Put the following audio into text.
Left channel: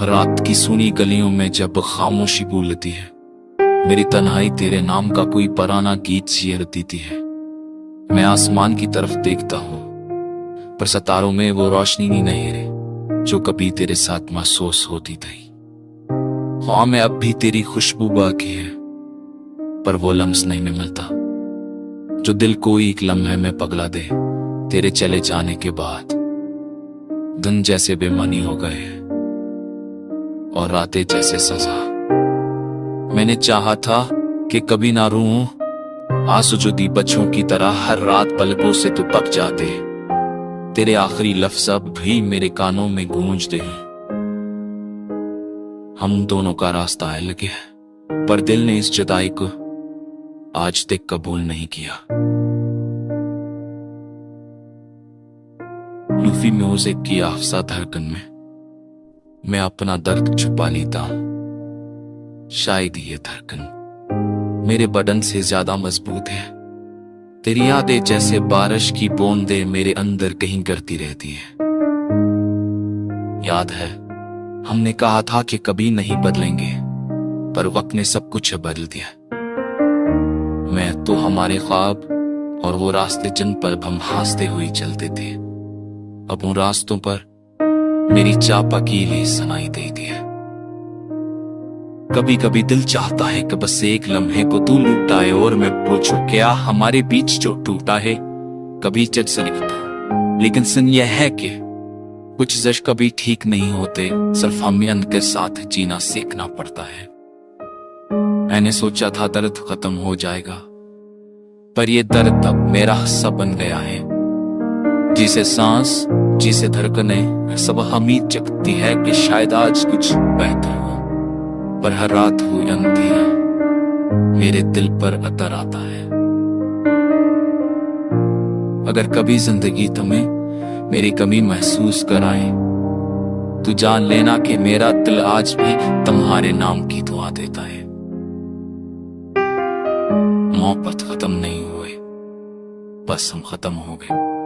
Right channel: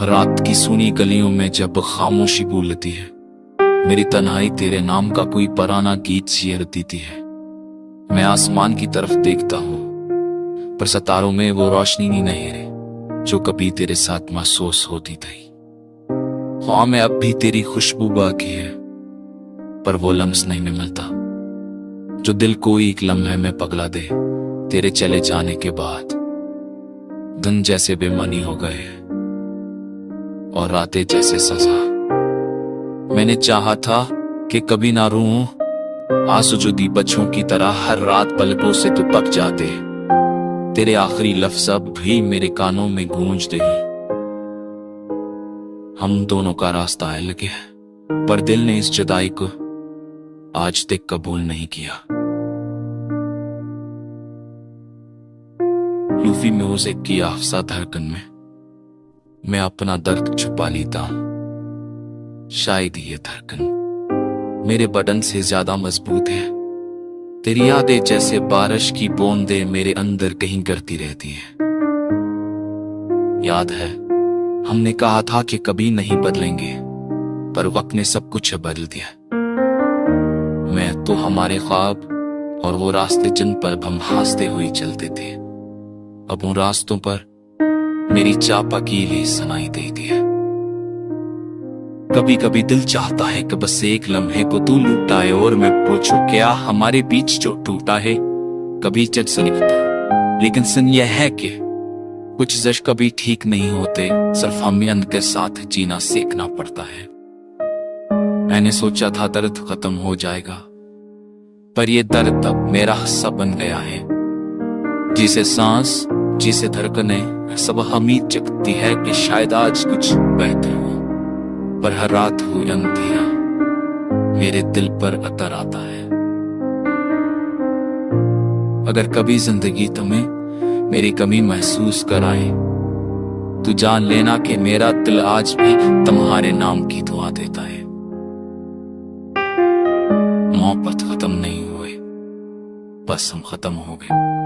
रात की सूनी गलियों में जब खामोशी बोलती है, मेरी तन्हाई तेरे नाम का कोई पुराना गीत शेर देती है। मैं आसमान की तरफ देखता हूँ, पर सितारों में वो रोशनी नहीं रही जो कभी तेरे साथ महसूस होती थी। हाँ, मैं अब भी तेरी खुशबू बाकी है, पर वो लम्स नहीं मिलता जो दिल को एक लम्हे में पगला दे। तेरे चले जाने के बाद दिन जैसे बेमानी हो गए और रातें जैसे सजा। मैंने चाहा था कि कभी ना रोऊं, आंसू जो दी बच्चों की तरह हर रात पलकों से तो पक जाते। तेरे आखिरी लफ्ज़ अब भी मेरे कानों में गूंजते हैं। हम दोनों का रास्ता अलग है, पर दिल ने इस जुदाई को आज तक कबूल नहीं किया। लूफी म्यूजिक की आफसा धड़कन में मैं अपना दर्द छुपा लेता हूं। शायद ये धड़कन मेरे बदन से ज्यादा मजबूत है। तेरी यादें जैसे बारिश की बूंदें मेरे अंदर कहीं गिरती रहती है। याद है हमने कहा था कि कभी नहीं बदलेंगे, पर वक्त ने सब कुछ बदल दिया। मैं तो हमारे ख्वाब और वो रास्ते जिन पर हम हंसते हुए चलते थे, अब उन रास्तों पर मेरी चाप अकेली सुनाई देती है। कभी कभी दिल चाहता है कि बस एक लम्हे को तू लुटाए और मैं पूछूं क्या हमारे बीच जो टूटा है कभी जज सुनिता। लेकिन सुन यह है कि कुछ जज कभी ठीक नहीं होते, सिर्फ हमें उनके साथ जीना सीखना पड़ता है। मैंने सोचा था दर्द खत्म हो जाएगा, पर ये दर्द अब मेरा हिस्सा बन गया है। जिसे सांस, जिसे धड़कने सब उम्मीद जगती है कि शायद आज कुछ बेहतर हो, पर हर रात हुई अंधेरा मेरे दिल पर अतर आता है। अगर कभी जिंदगी तुम्हें मेरी कमी महसूस कराए, तो जान लेना कि मेरा दिल आज भी तुम्हारे नाम की दुआ देता है। मोहब्बत खत्म नहीं हुए, बस हम खत्म हो गए।